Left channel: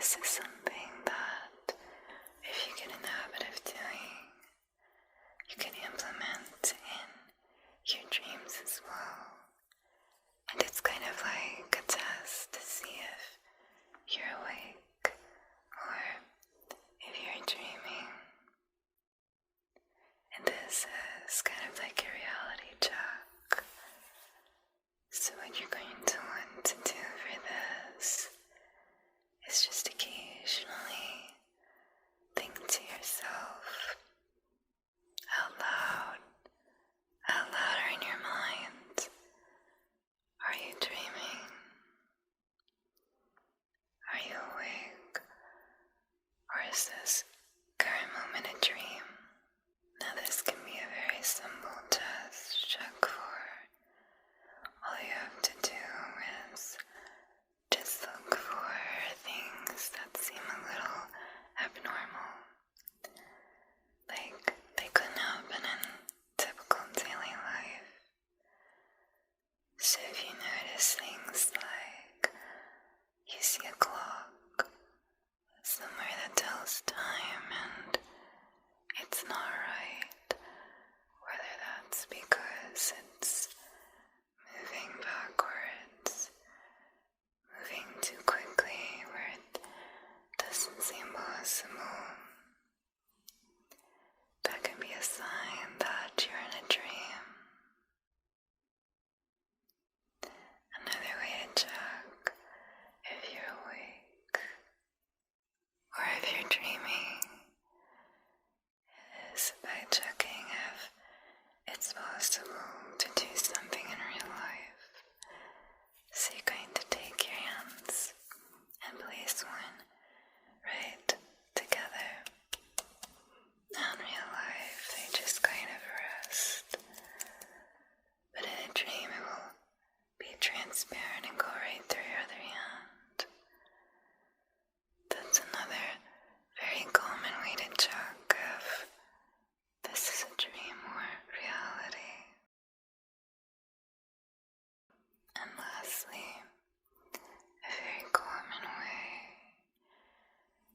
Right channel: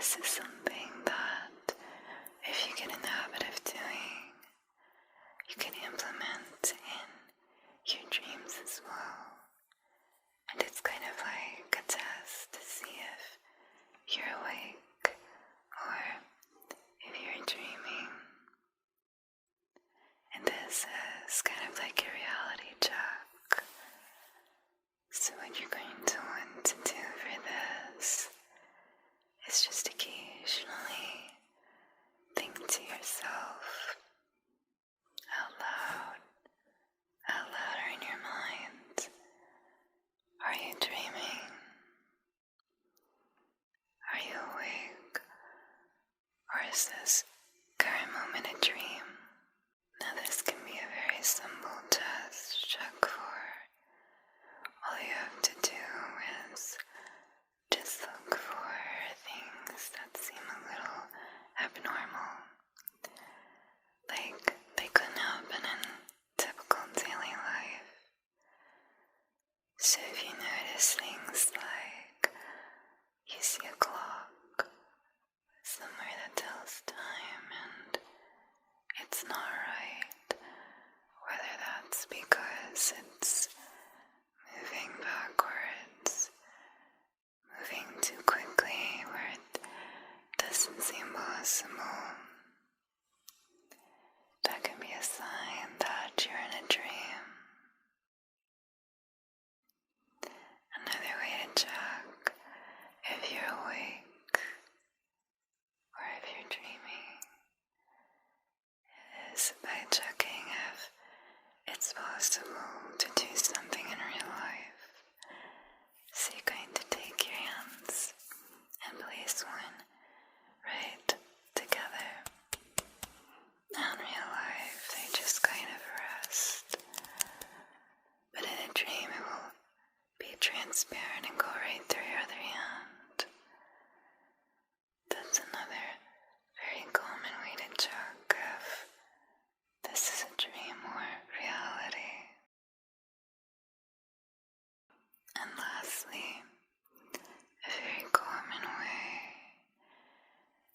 this is something that, if you get in the habit of doing, you can implement in your dreams as well. And it's kind of like a test to see if you're awake or if you're dreaming. And this is kind of like a reality check. So what you're going to want to do for this is just occasionally think to yourself out loud or in your mind, are you dreaming? Are you awake? Or is this very moment a dream? Now this can be a very simple test to check for. All you have to do is just look for things that seem a little abnormal. Like they couldn't happen in typical daily life. So if you notice things like you see a clock somewhere that tells time and it's not right, whether that's because it's moving backwards, moving too quickly where it doesn't seem possible, that can be a sign that you're in a dream. Another way to check if you're awake or if you're dreaming is by checking if it's possible to do something in real life. So you're going to take your hands and place one right together. Now in real life, they just kind of rest. But in a dream, it will be transparent and go right through your other hand. That's another very common way to check if this is a dream or reality. And lastly, a very common way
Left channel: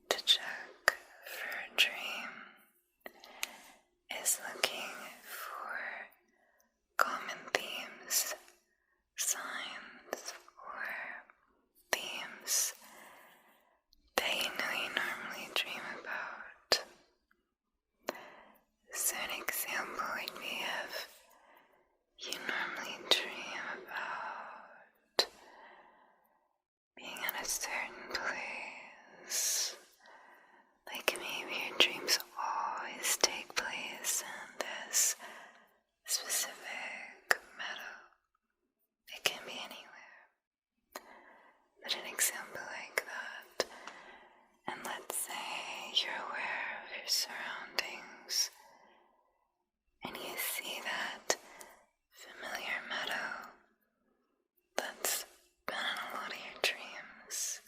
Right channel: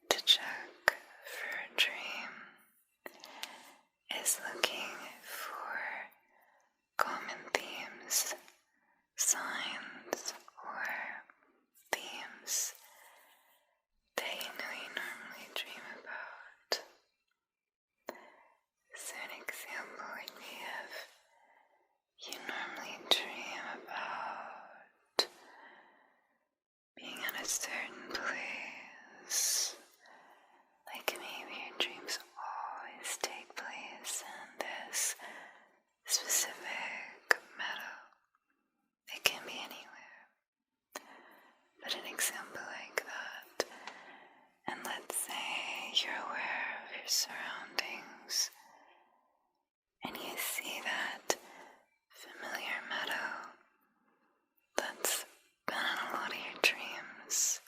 to check for a dream is looking for common themes, signs, or themes that you know you normally dream about. So an example would be if you normally dream about being in a certain place, like maybe your dreams always take place in this specific meadow. It can be anywhere, but an example like that, and let's say you're aware of your surroundings and you see that familiar meadow that's been in a lot of your dreams,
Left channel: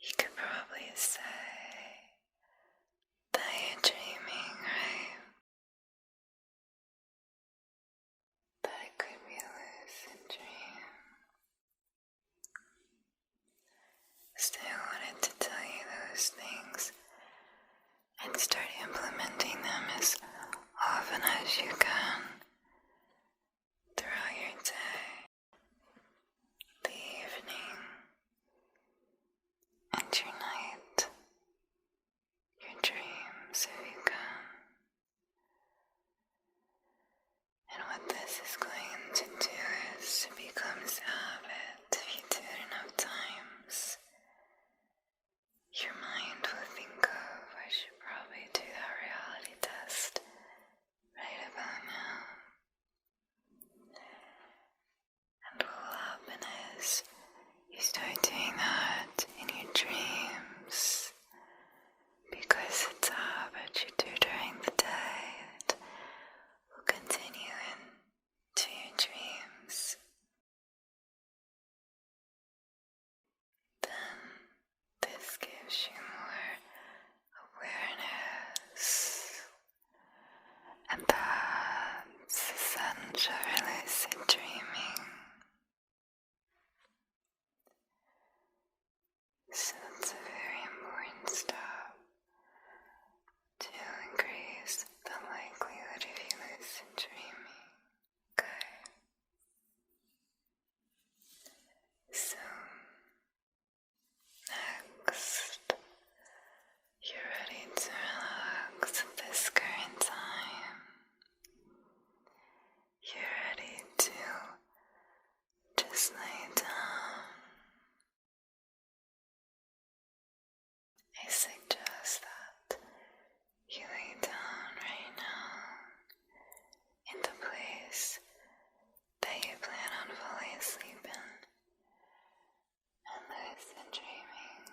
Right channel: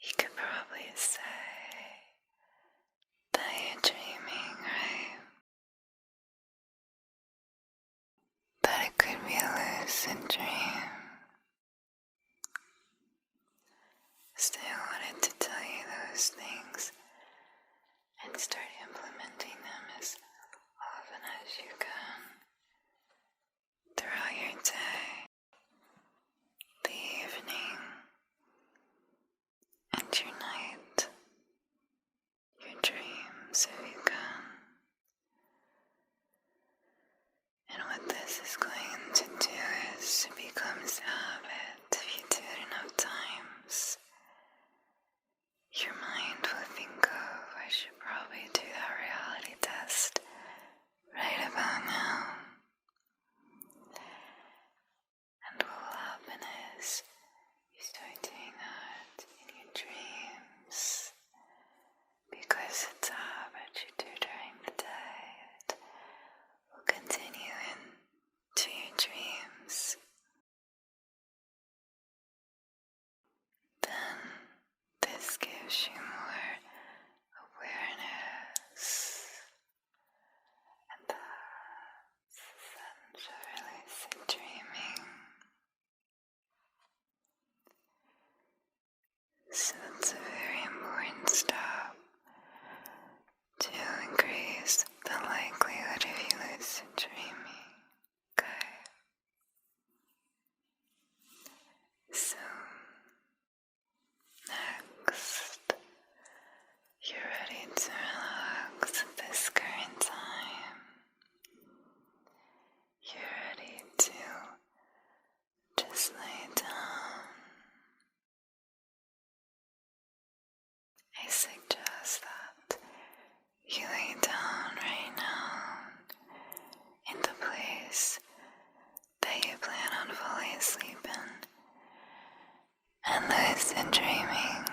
you could probably say that you're dreaming, right? That it could be a lucid dream. So I wanted to tell you those things and start implementing them as often as you can throughout your day, the evening, and your night, your dreams if you can. And what this is going to do is it becomes a habit. If you do it enough times, your mind will think of, I should probably do that reality test right about now. And what will happen is you start doing that in your dreams because it's a habit you do during the day. It will continue into your dreams. Then this gives you more awareness, and that's essential for lucid dreaming. So it's a very important step to increase the likelihood of you lucid dreaming. Okay. So next, you're ready to relax at this current time. You're ready to just lay down. I suggest that you lay down right now in the place that you plan on falling asleep in and lucid dreaming.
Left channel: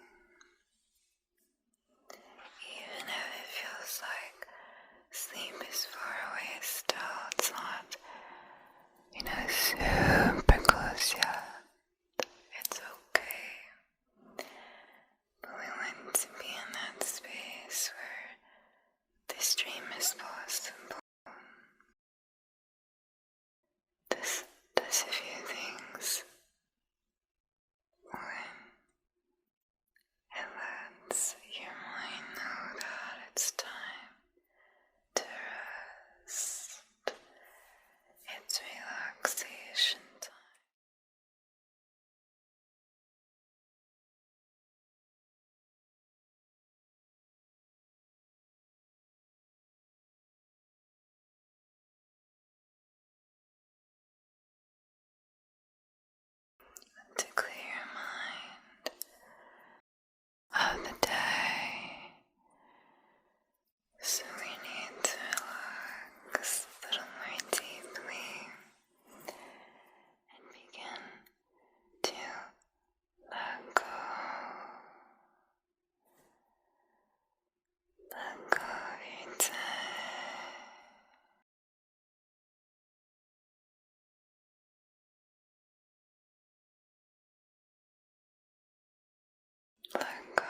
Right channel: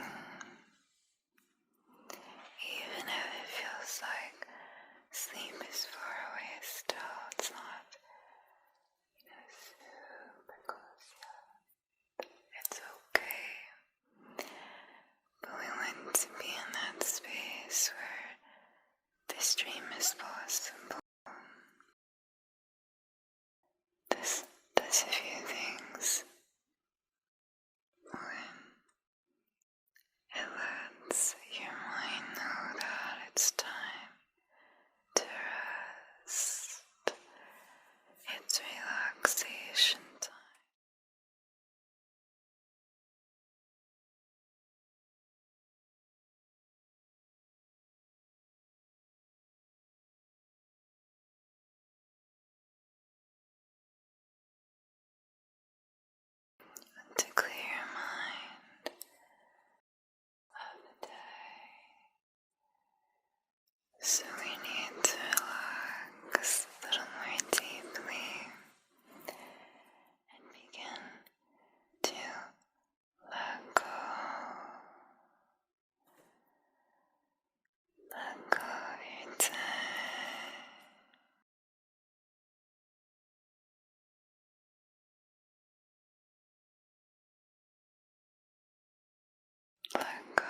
Even if it feels like sleep is far away still, it's not, super close yet. It's okay. But we want to be in that space where this dream is possible. This does a few things. One, it lets your mind know that it's time to rest. It's relaxation time. To clear your mind of the day. So we need to relax a little more deeply and begin to let go. Let go of your day. Let go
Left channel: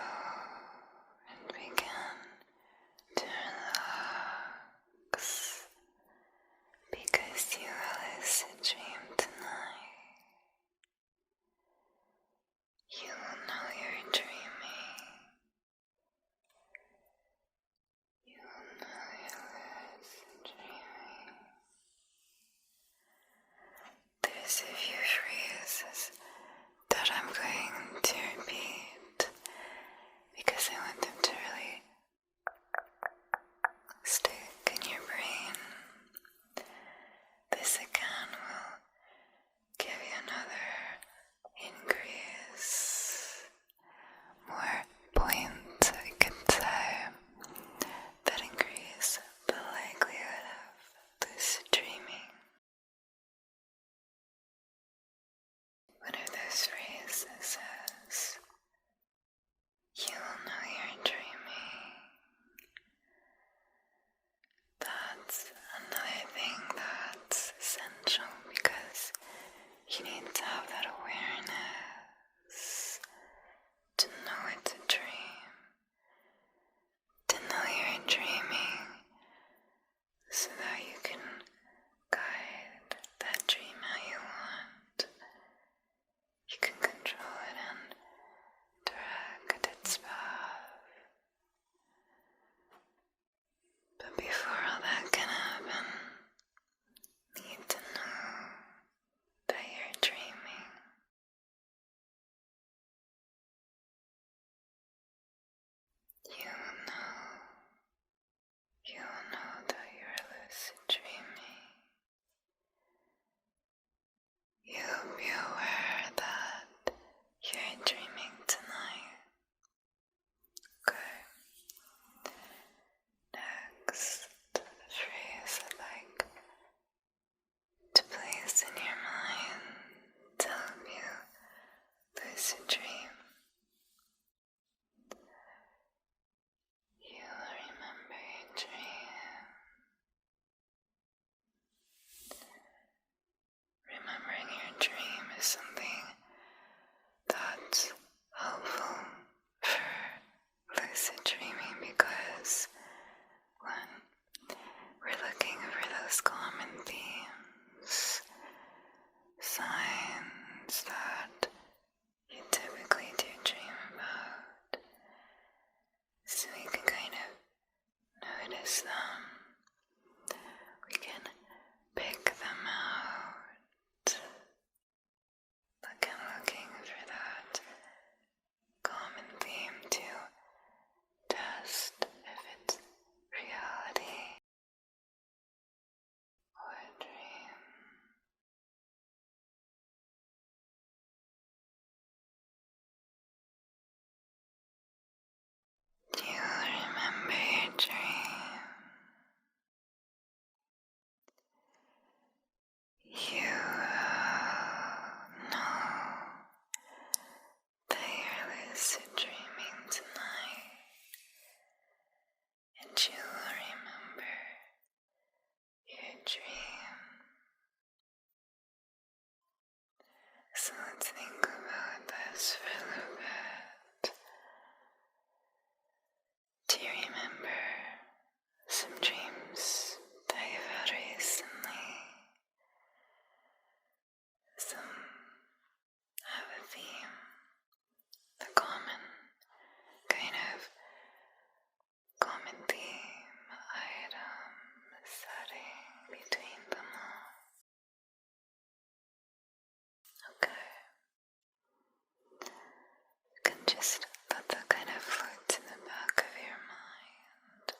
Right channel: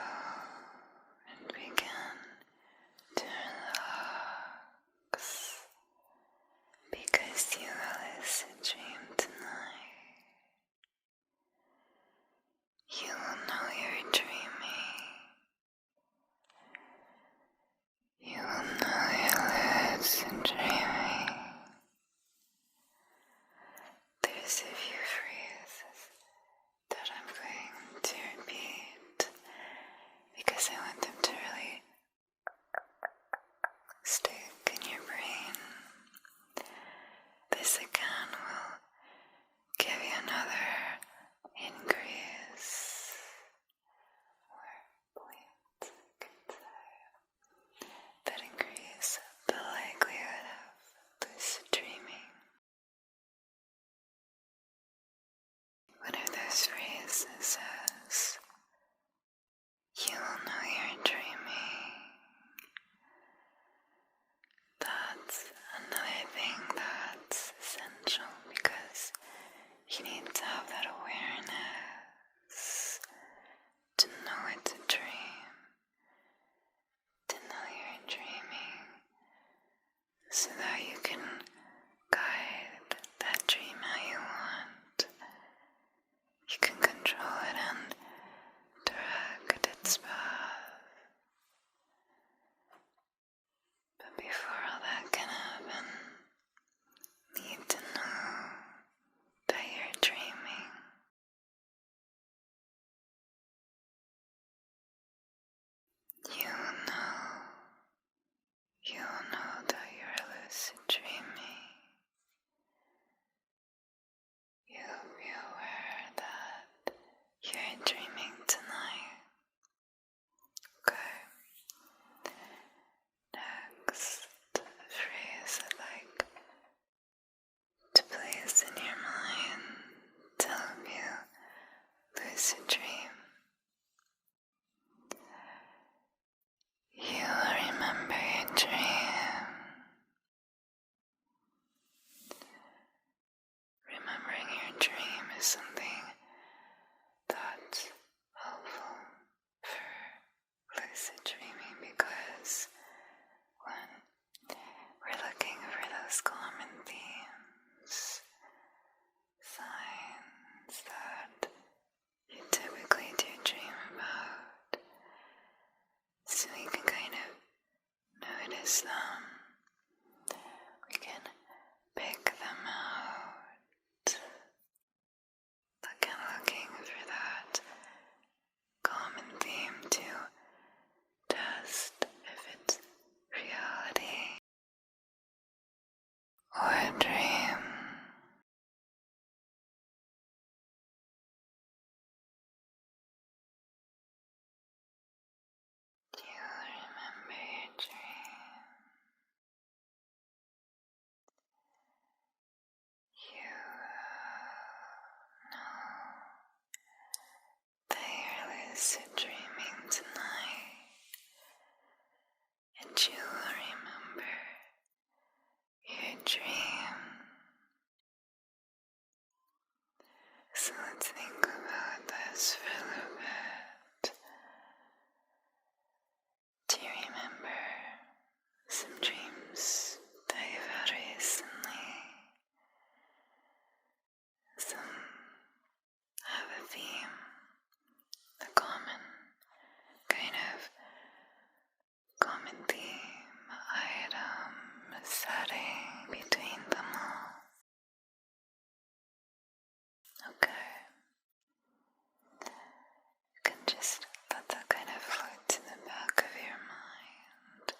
and begin to relax because you will lucid dream tonight. You will know you're dreaming. You will know you're lucid dreaming. There's a few phrases that I'm going to repeat because I want them to really stick in your brain. This again will give you another increase, more points I could say, that increase the likelihood of lucid dreaming. One of those phrases says, you will know you're dreaming. That's another thing that's essential because you need to have that awareness to know it's a dream, to know you're dreaming, so that you can guide that dream how you want. You can control it and direct its path. But before all that can happen, you need to know that you're dreaming. You will know that you're lucid dreaming. You'll be aware that you're dreaming tonight. Okay. Next phrase I'd like to place in your mind to help you lucid dream. You will remember your dream. Remembering your dream is something that's helpful for lucid dreaming because when we're looking for those common themes, signs that you typically do dream about, lucid dreaming tonight, and you will remember your dream. So let's think about this for a little bit. Do you remember some dreams that you've had recently? Some have a theme, a common theme, item, setting between them all. Okay. You can just let that kind of float to the back of your mind.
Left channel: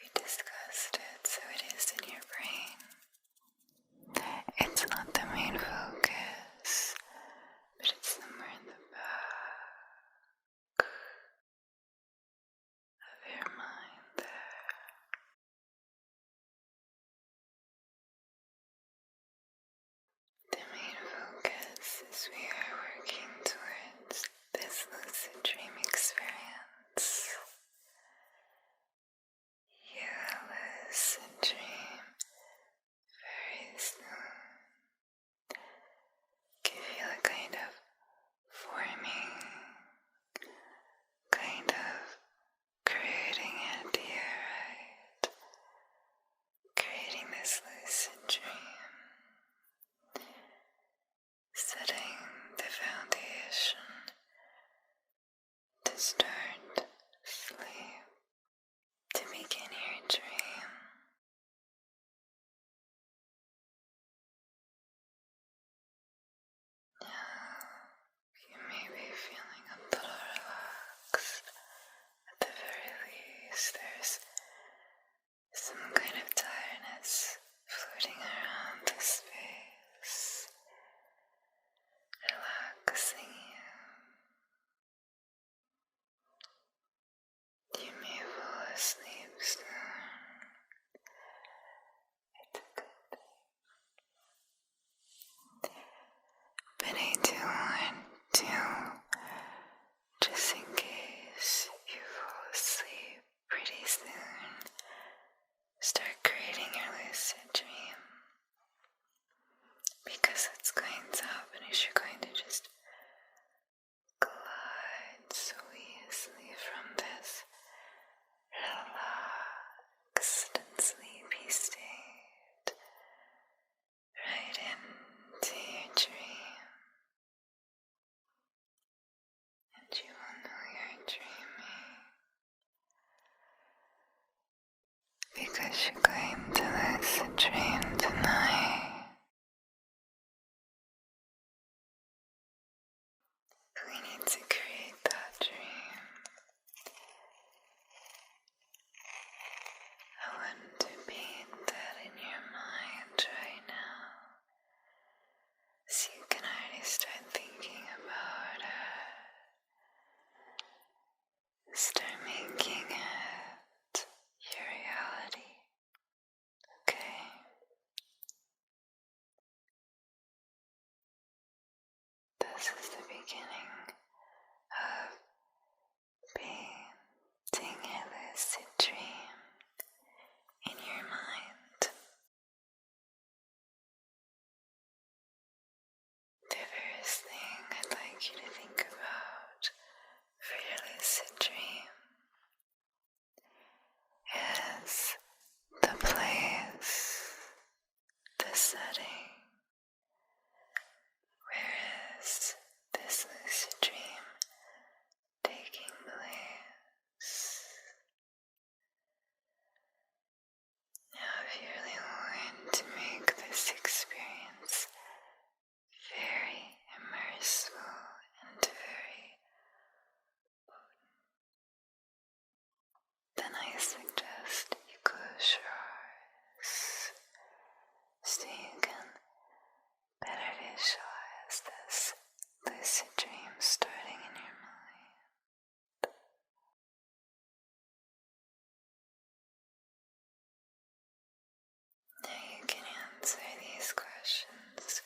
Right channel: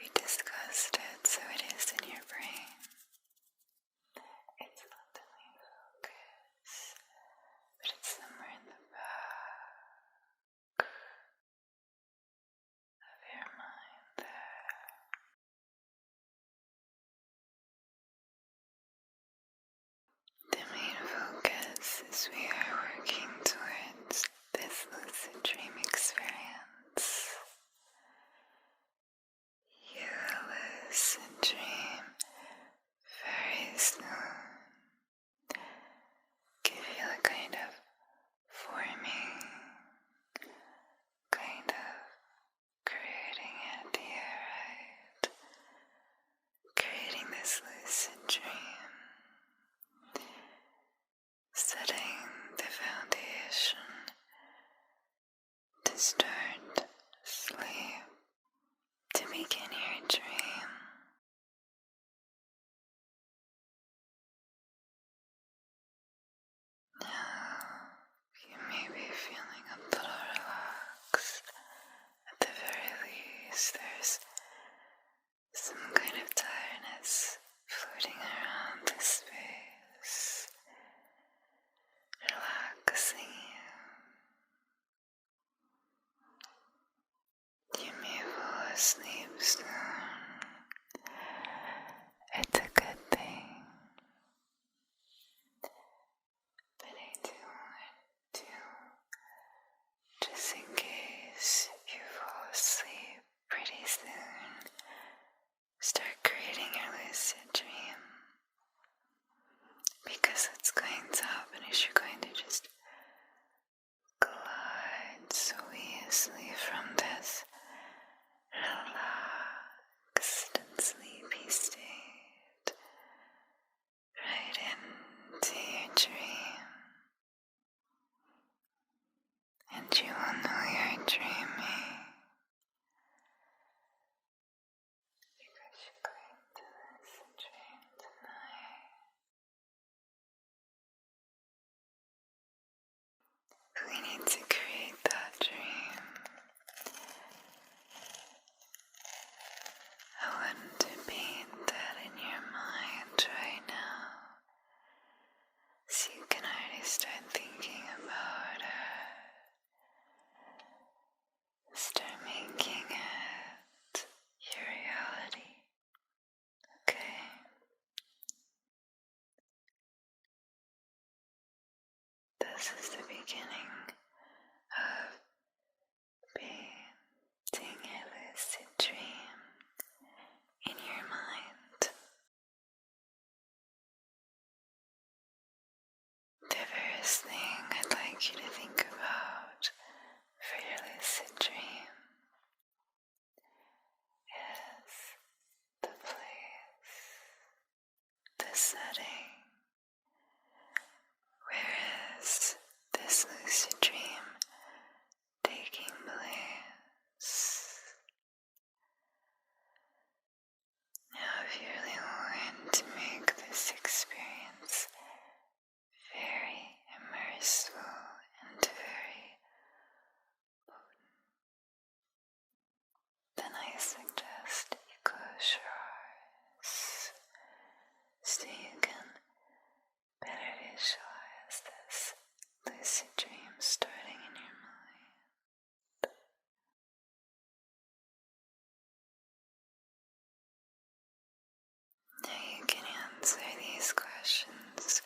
We discussed it, so it is in your brain. It's not the main focus, but it's somewhere in the back of your mind there. The main focus is we are working towards this lucid dream experience. You will lucid dream very soon. Can you feel it kind of forming, kind of creating it here, right? Creating this lucid dream, setting the foundation to start sleep, to begin your dream. Now, you may be feeling a little relaxed. At the very least, there's some kind of tiredness floating around the space, relaxing you. You may fall asleep soon. It's a good thing. But I do want to, just in case you fall asleep pretty soon, start creating your lucid dream. Because what's going to happen is you're going to just glide so easily from this relaxed and sleepy state right into your dream. And you will know you're dreaming because you're going to lucid dream tonight. We need to create that dream. I want to paint that in your mind right now, so you can already start thinking about it. Start making it your reality, okay? This is the beginning of painting a lucid dream in your mind. The first thing I'd like you to think about for your lucid dream is the place, the setting. Where is this lucid dream taking place? Now, if you really want to make this experience very immersive and very potent, then I suggest you close your eyes so you can better visualize this lucid dream starting in your mind. Now you can answer these questions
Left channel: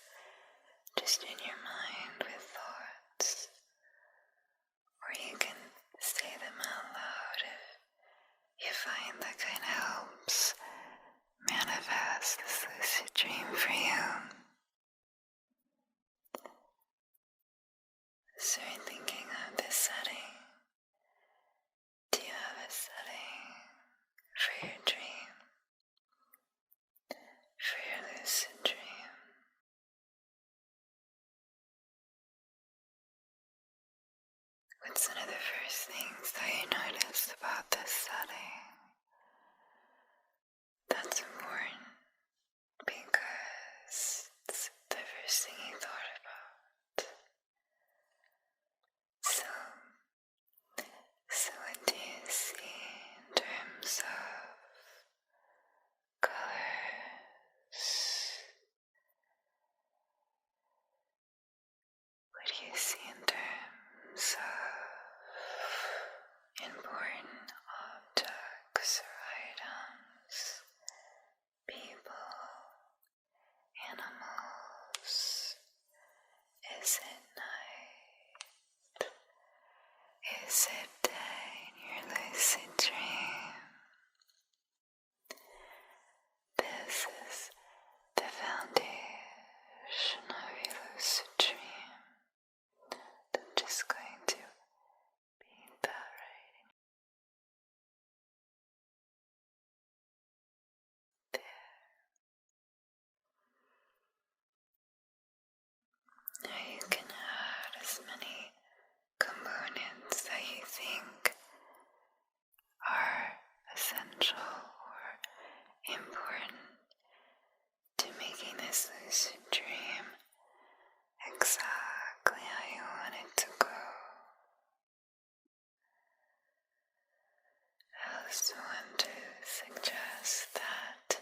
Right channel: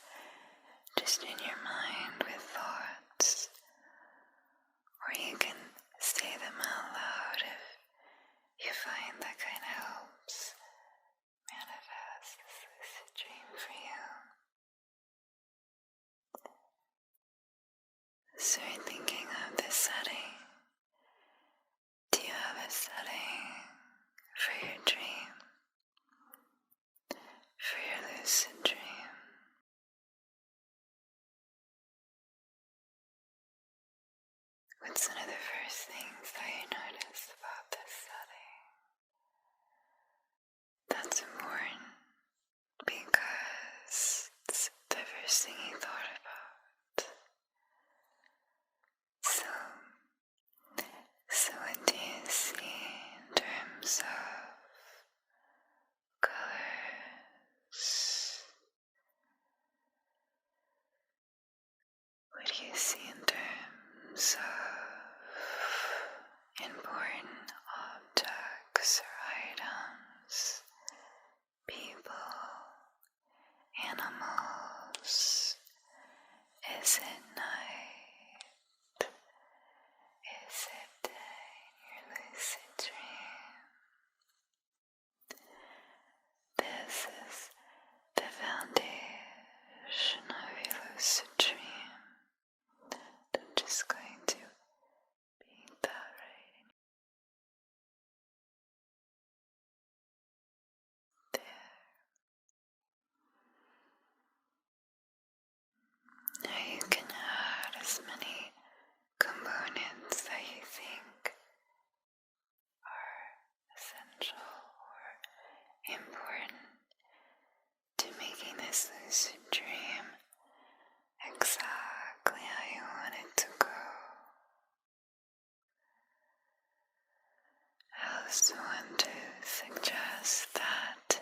just in your mind with thoughts, It's one of the first things that you noticed about this setting. That's important because it's the first thing you thought about. So what do you see in terms of colors? What do you see in terms of important objects or items, people, animals? Is it night? Is it day in your lucid dream? This is the foundation of your lucid dream. I'm just going to beat that right there. Now you can add as many components that you think are essential or important to making this lucid dream exactly how you want it to go. I also want to suggest that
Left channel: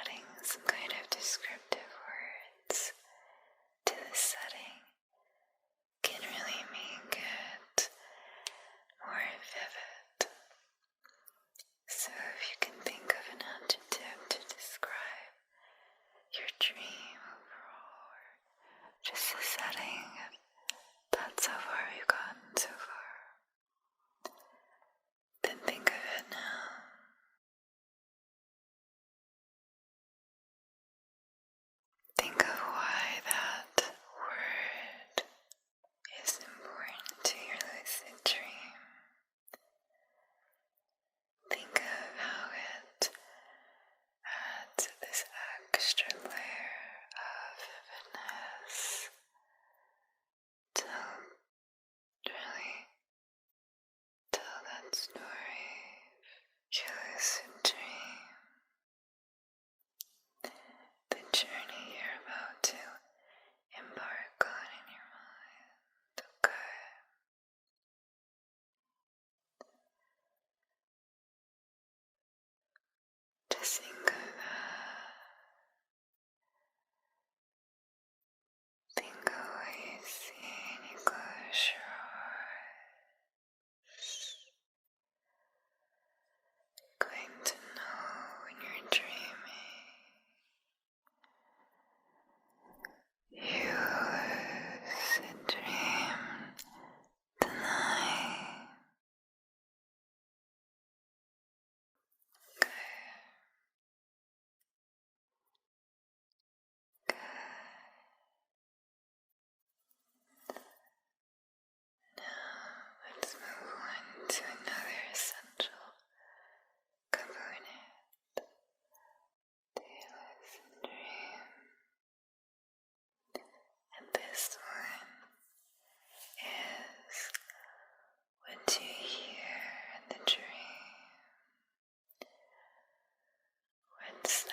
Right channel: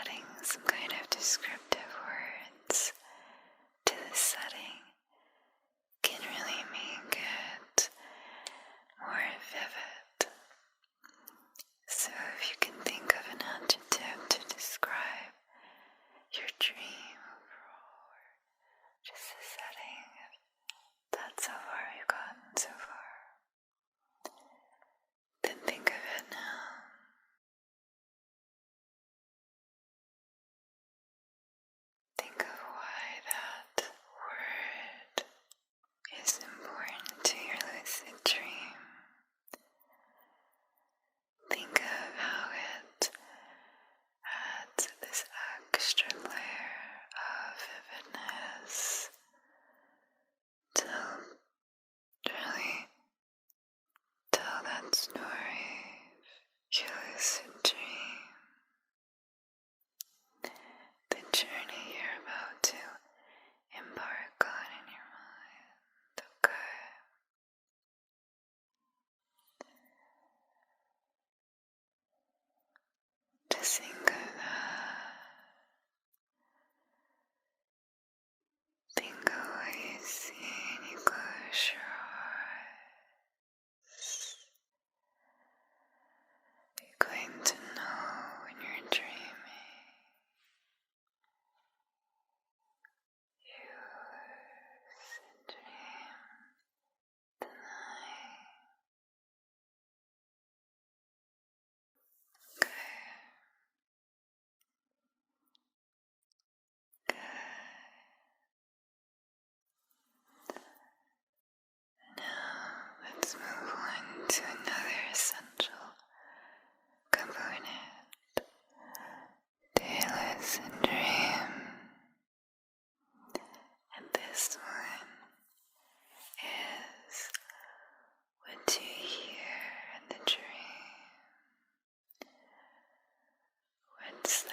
adding some kind of descriptive words to the setting can really make it more vivid. So if you can think of an adjective to describe your dream overall, or just the setting, that's how far we've gotten so far, then think of it now. Think of why that word is important to your lucid dream. Think of how it adds this extra layer of vividness to really tell that story of your lucid dream. The journey you're about to embark on in your mind, okay? Just think of that. Think of what you see and you close your eyes. You're going to know when you're dreaming. You lucid dream tonight. Good. Good. Now let's move on to another essential component. The lucid dream. And this one is what you hear in the dream. What sounds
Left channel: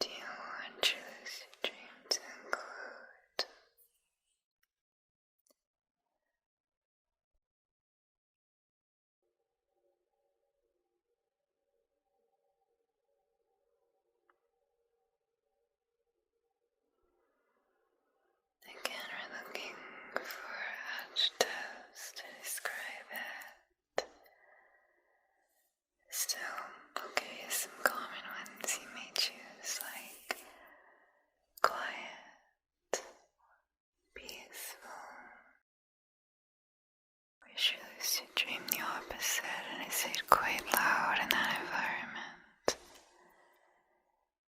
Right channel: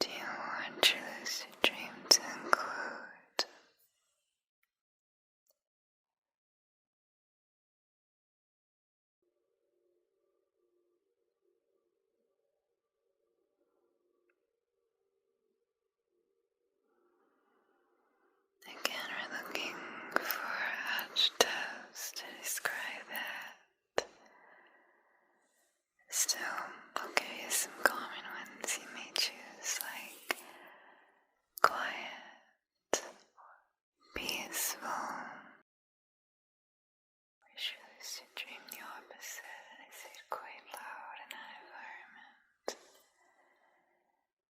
do you want your lucid dream to include? Again, we're looking for adjectives to describe it. Still, I'll give you some common ones you may choose, like quiet, peaceful. We should lucid dream the opposite, and is it quite loud in that environment?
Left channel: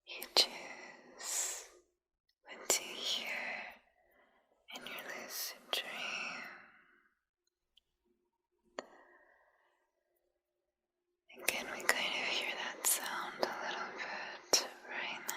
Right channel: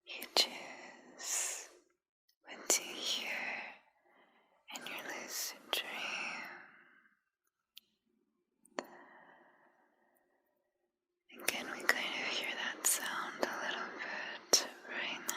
You choose what to hear in your lucid dream. And can we kind of hear that sound a little bit right now?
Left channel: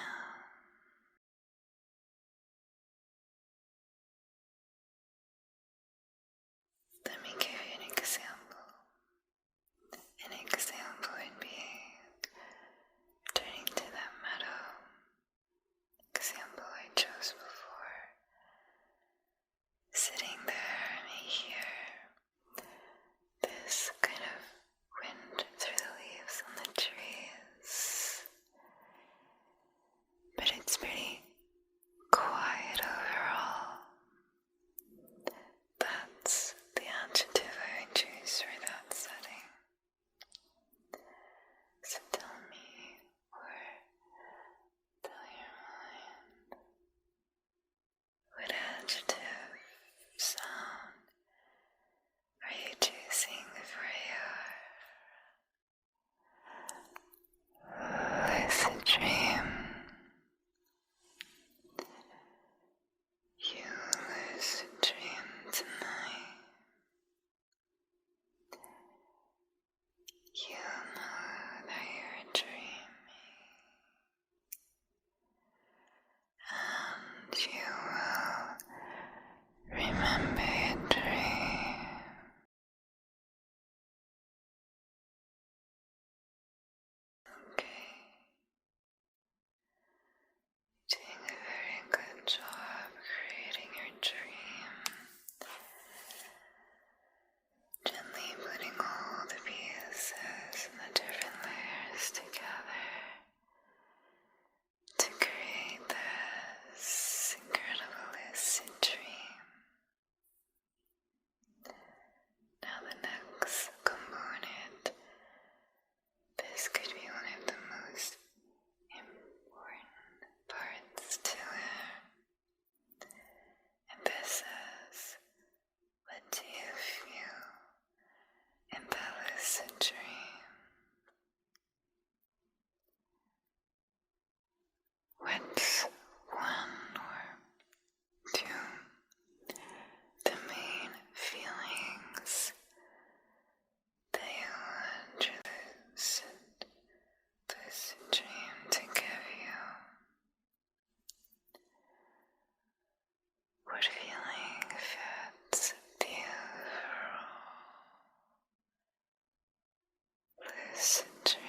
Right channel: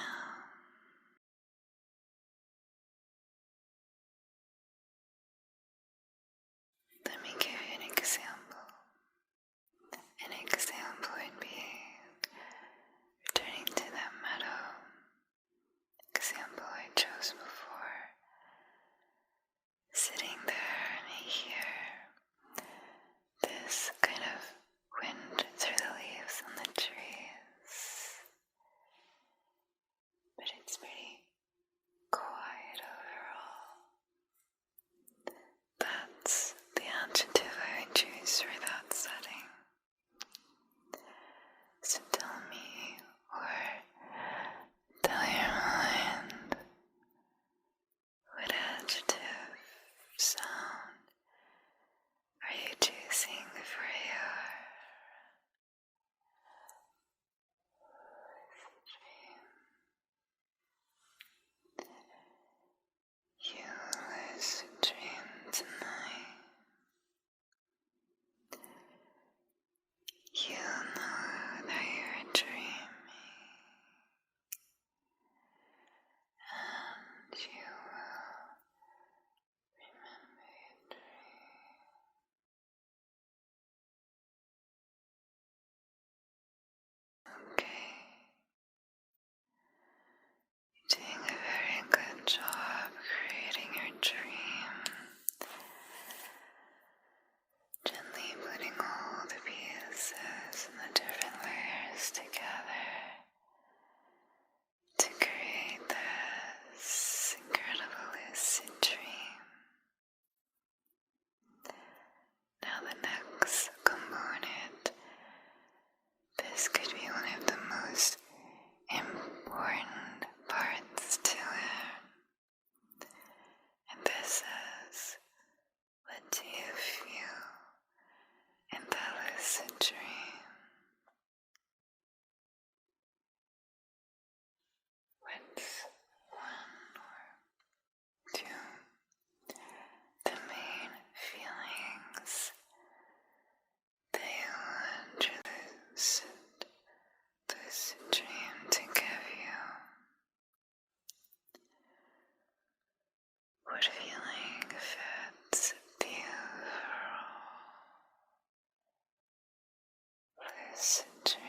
lucid dream.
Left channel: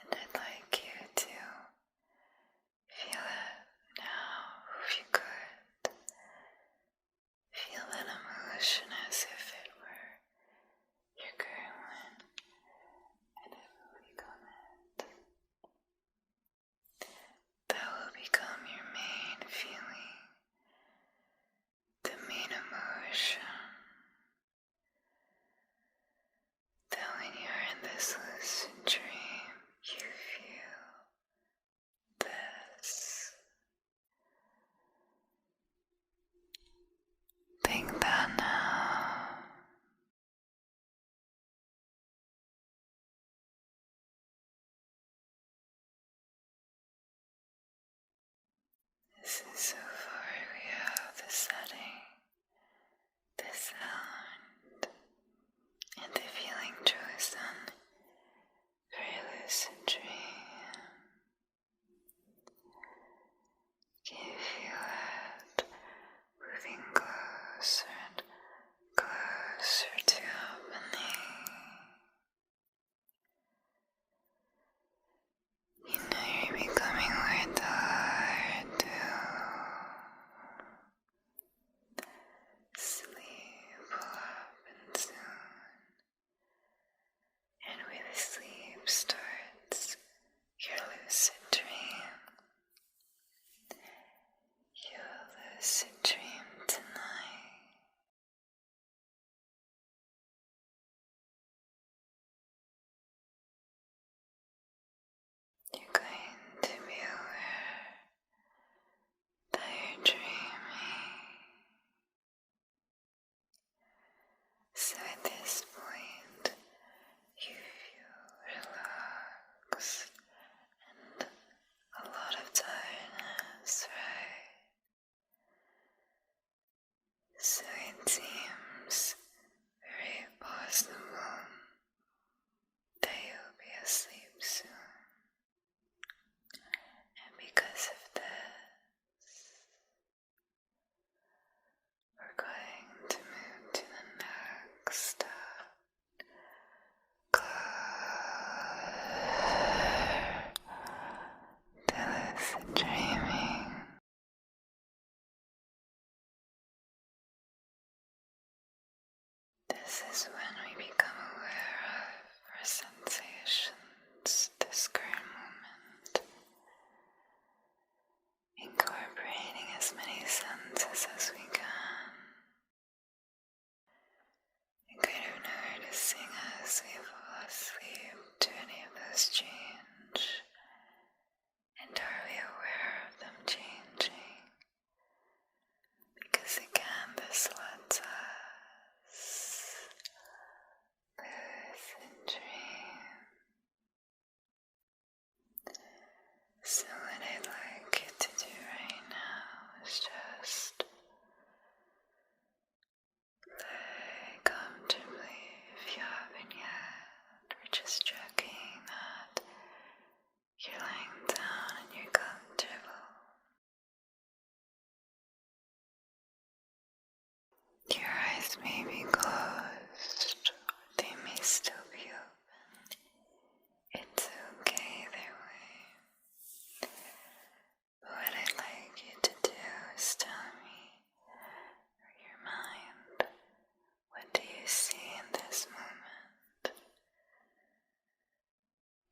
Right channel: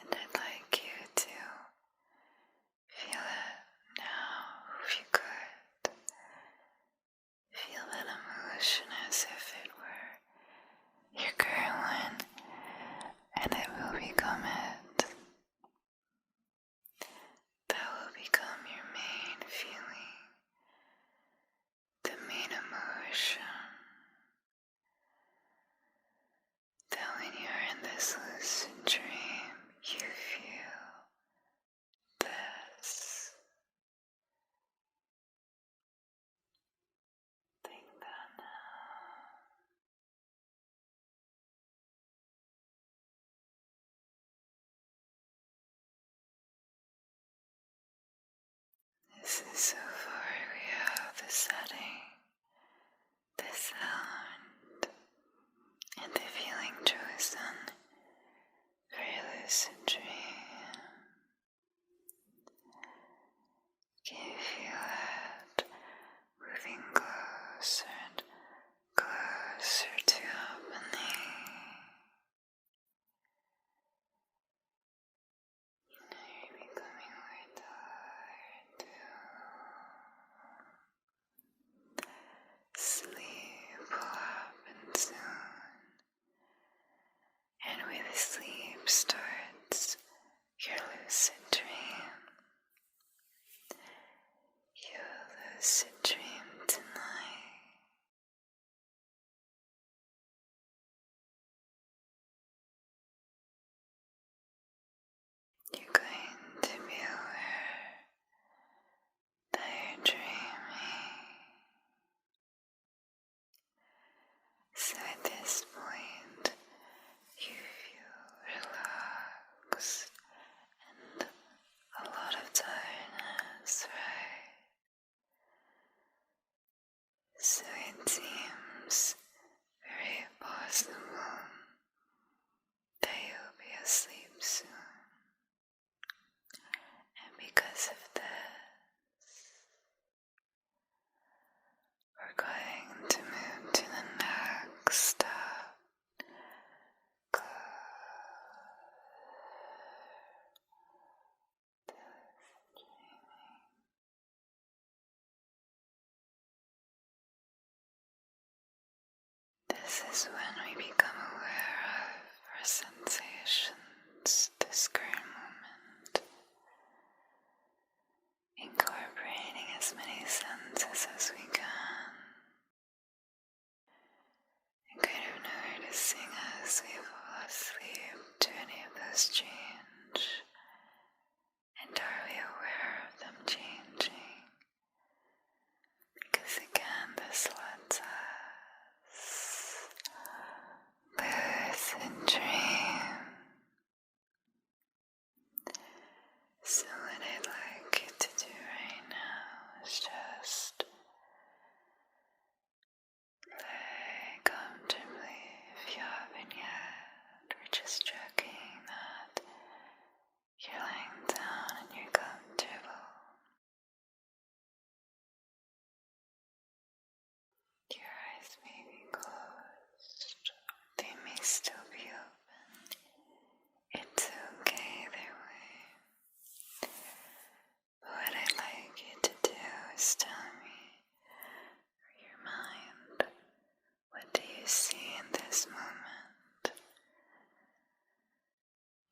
And I'd like you to feel it now if you could. Feel that emotion as if it were your current one, and it will become it. That will become your main feeling, the main emotion. That when you're in this lucid dream, you feel this. Think that now. This is so far we have the setting, the sound, and the feeling chosen for a lucid dream. Can you feel it moving closer and closer to happening? You know you're becoming more tired too. Sleep will happen soon, and with sleep starts your lucid dream. Your lucid dream tonight. You're going to be aware that you're dreaming. So at this point, you feel relaxed and a lot of tiredness, right? So it seems very possible that you'll be asleep soon. And because of that, we're going to move to the next step. Clear to lucid dreaming. This is when we become aware of our sensations, this current moment, incorporating as many senses as we can, and kind of noticing as we fall asleep to any of those change, and are we aware of them changing? Because again, this lets us lucid dream. So what I'd like you to do right now is just lay comfortably if you haven't yet. We're just checking that you're lying down and you're comfortable. Your eyes may be closed, or they may still be open. It's okay either way. But what I'd like you to do is tell me, or your mind, what do you see in this moment?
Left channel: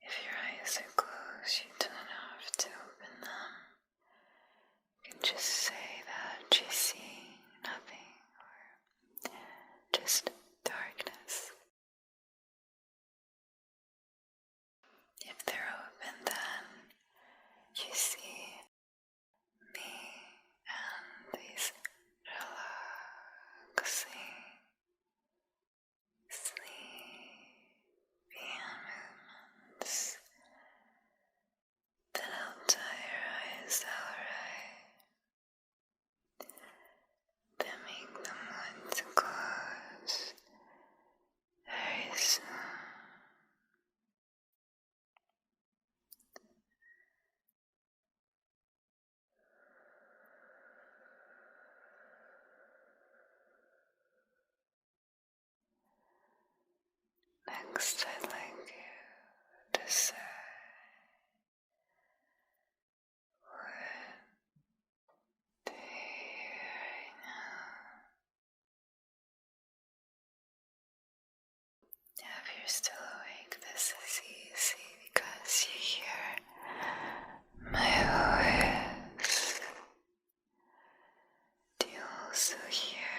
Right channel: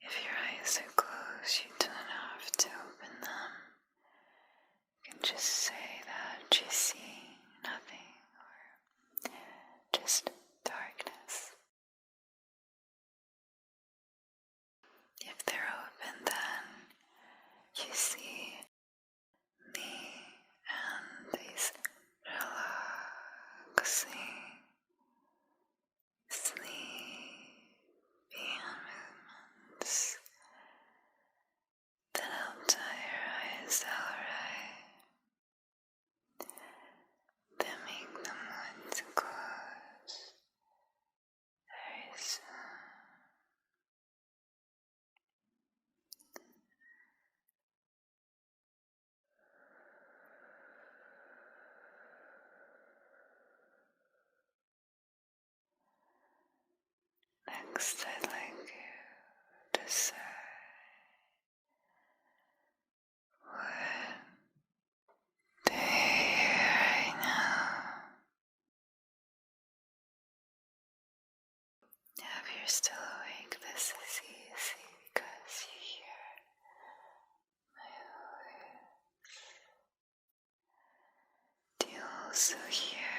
If your eyes are closed, you don't have to open them. You can just say that you see nothing, or just darkness. If they're open, then you see me and these relaxing, sleepy movements that help tie your eyes out right. Next, I'd like you to say what day right now. If you're still awake, this is easy because you hear my voice. Do you also hear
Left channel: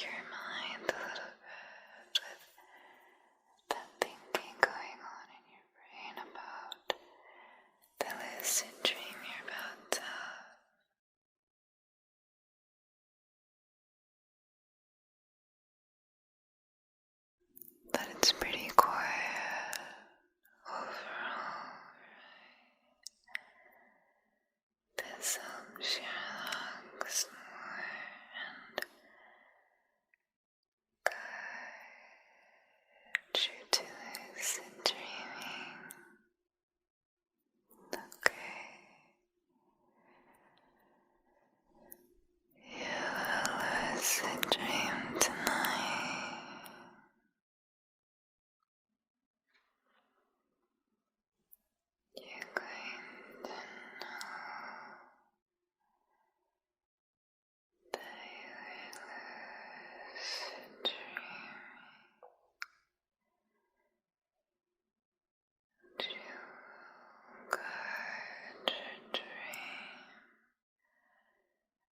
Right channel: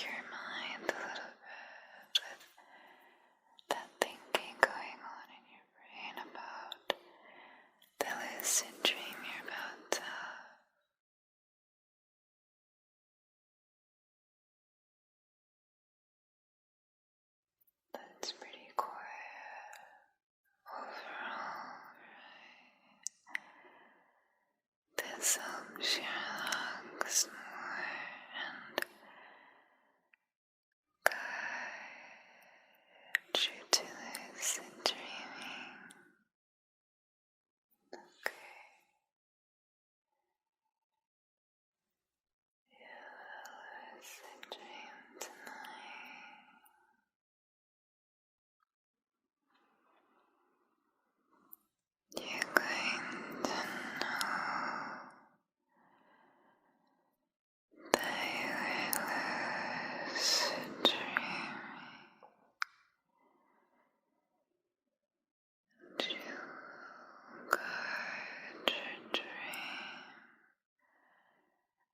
your mind a little bit with that thinking going on in your brain about the lucid dream you're about to have? That it's pretty quiet overall, right? This helps you relax more and guide you to lucid dreaming. Okay. You will lucid dream tonight. You're going to know that you are lucid dreaming. And you will guide your dream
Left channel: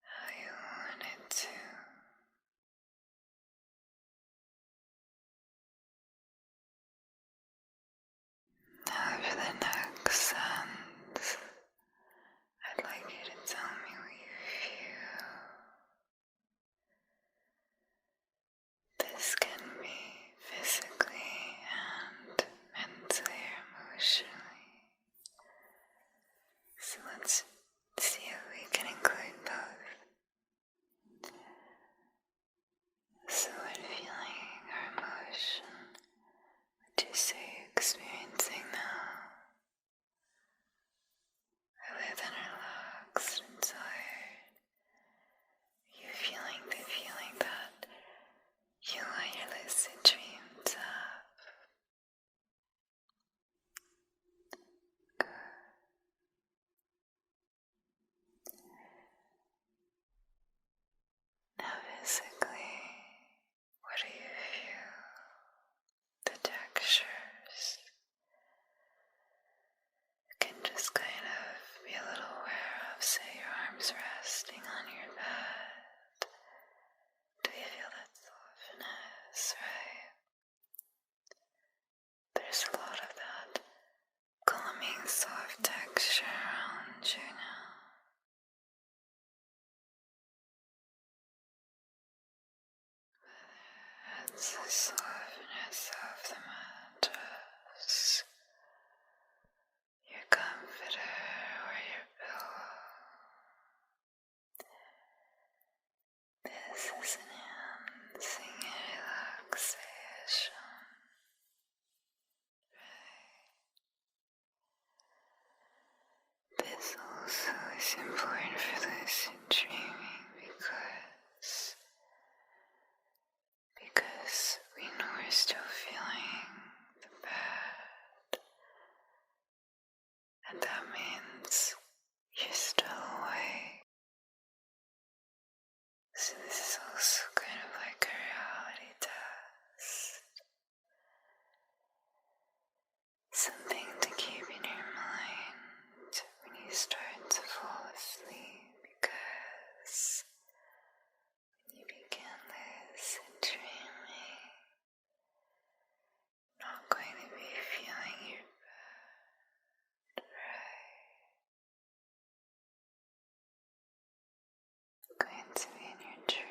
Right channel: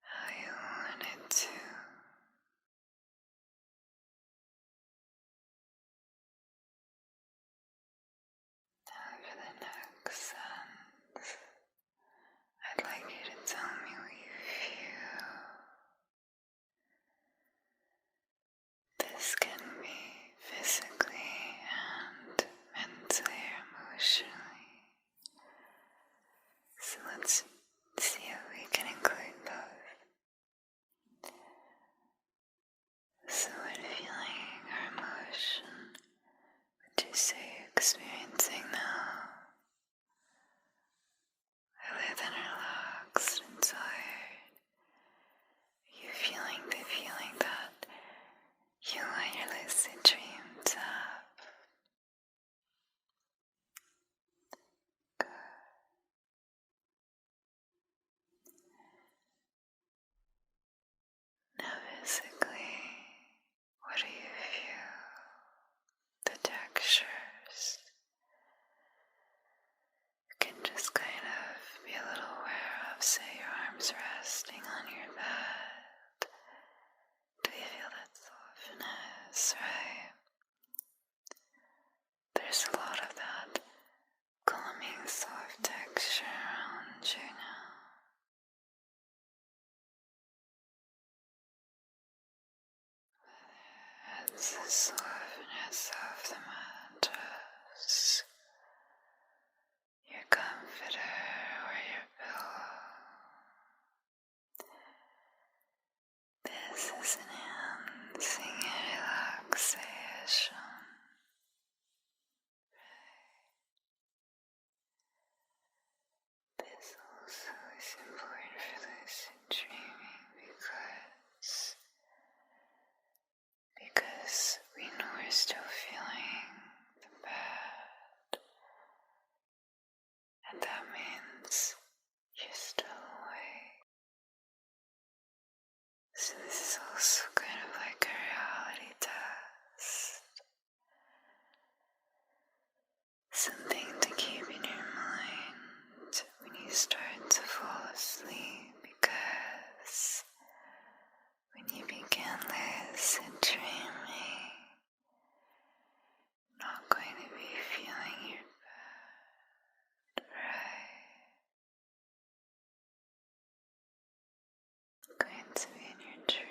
how you want it to. Now for the next sentence, I'd like you to tell me what you feel. This can be physically and mentally or emotionally. So let's see if we can include both. So what feeling or emotion would you say you're experiencing now? Other than relaxed and tired, are you feeling the feeling that you want your lucid dream to have? Good. Now physically, what do you feel? The textures. You can just kind of be a little aware of, say, your arms resting on your bed. Do you feel that softness, right? There's a lot of that calming, soft texture around you now. It's the softness of the mattress, your comforter or your pillow. This is enhancing your relaxation. This also is important for lucid dreaming because we know we're still feeling the bed, and that means you're still awake. So this is also kind of like a reality test. Something to keep in your mind when you start to fall asleep, because when you begin lucid dreaming, you're not going to be feeling your bed, right? You're going to be in your dream.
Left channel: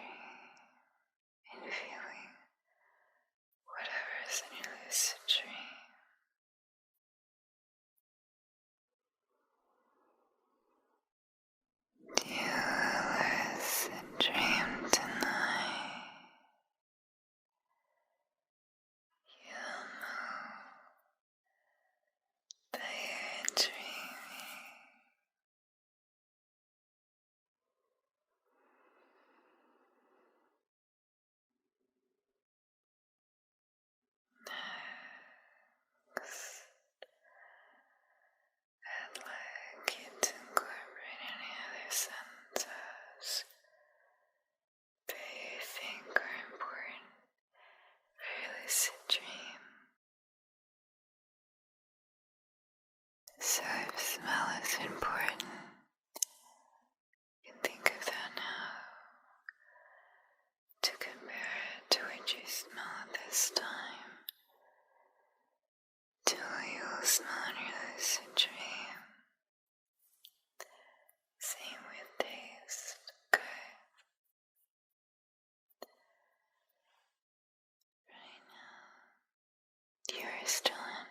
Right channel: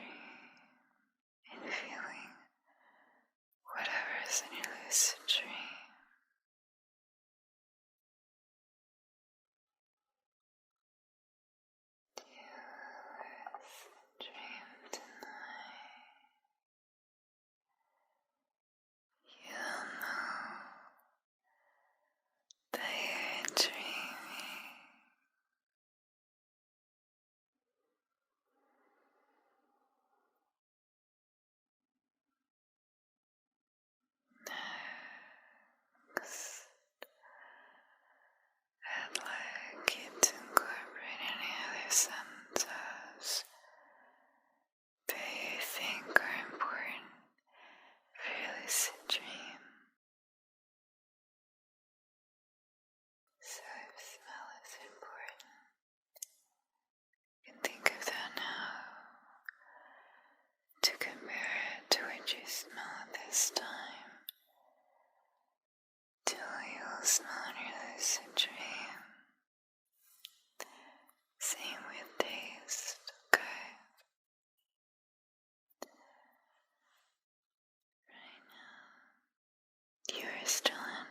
still in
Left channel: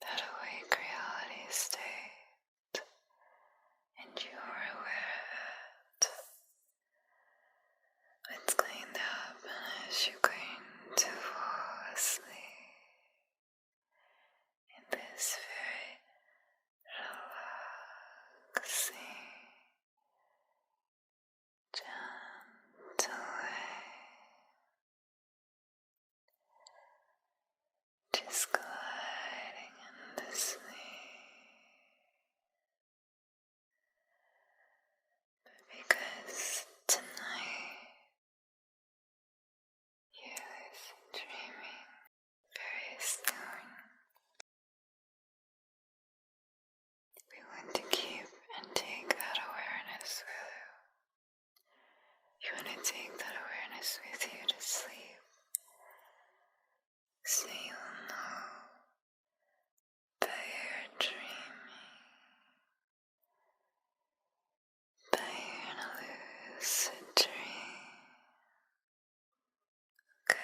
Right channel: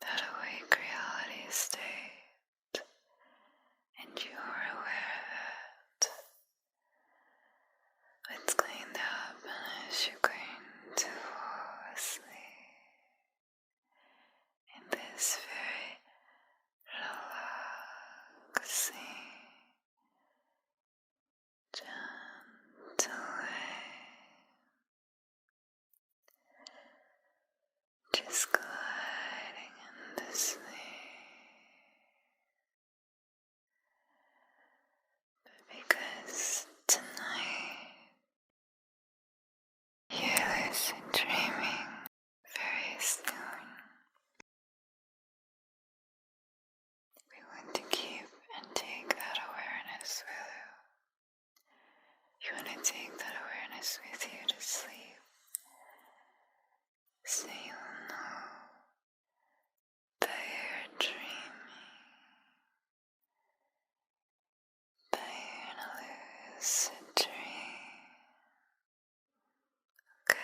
that awake reality state, and you are aware that what's going to happen is you're going to fall asleep in this very relaxing, gentle way, just gliding into sleep. Because tonight you're lucid dreaming very soon. We want to keep and take that awareness with you. You want to take that awareness with you to sleep, so you'll know that you're dreaming, that you're in a lucid dream. Okay.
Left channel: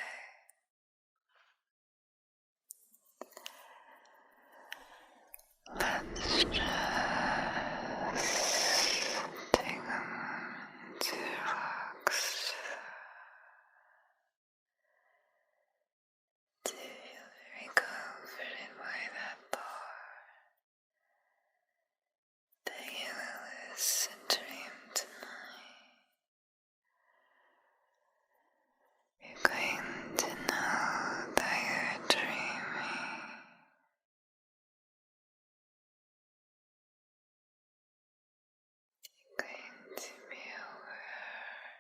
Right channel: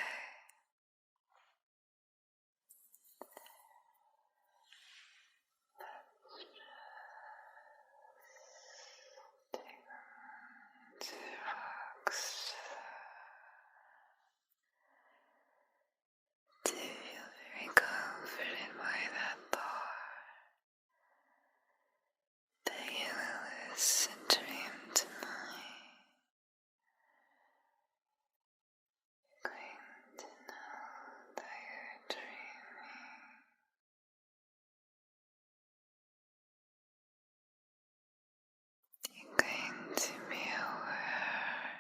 Let's just take a moment to relax, to feel very comforted by that thought that you will lucid dream tonight. You're going to know that you're dreaming. You're going to be aware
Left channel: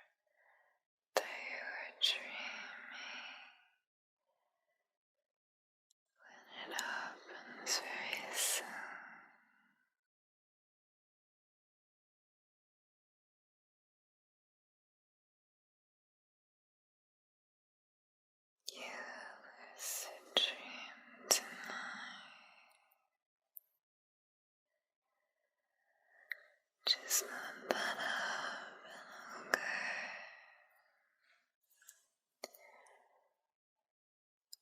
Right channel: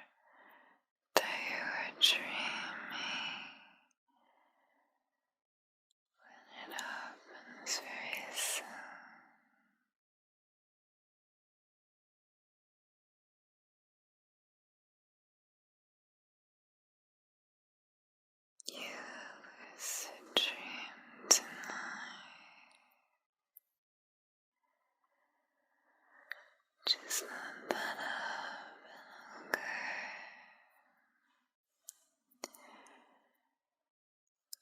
that you are dreaming when it happens very soon. You will lucid dream tonight. Just let that happen, okay?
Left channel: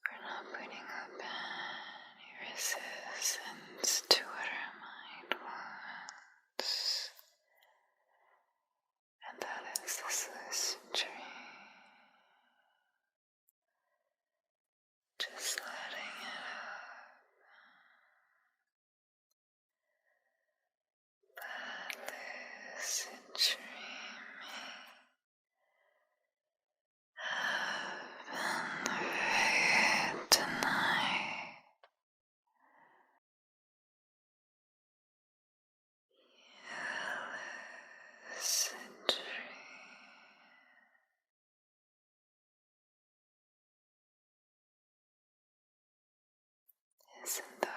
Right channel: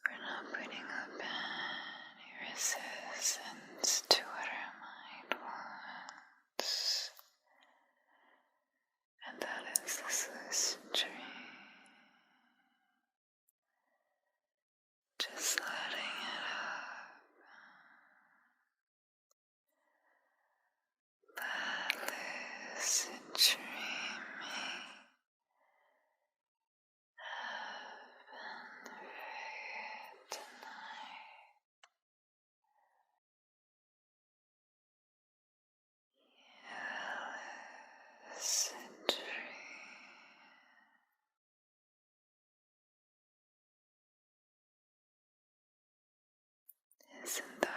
We're not putting up any resistance to what our mind wants, and that is this lucid dream. Just letting it happen. That lucid dreaming happen for you tonight. Your lucid dream is in the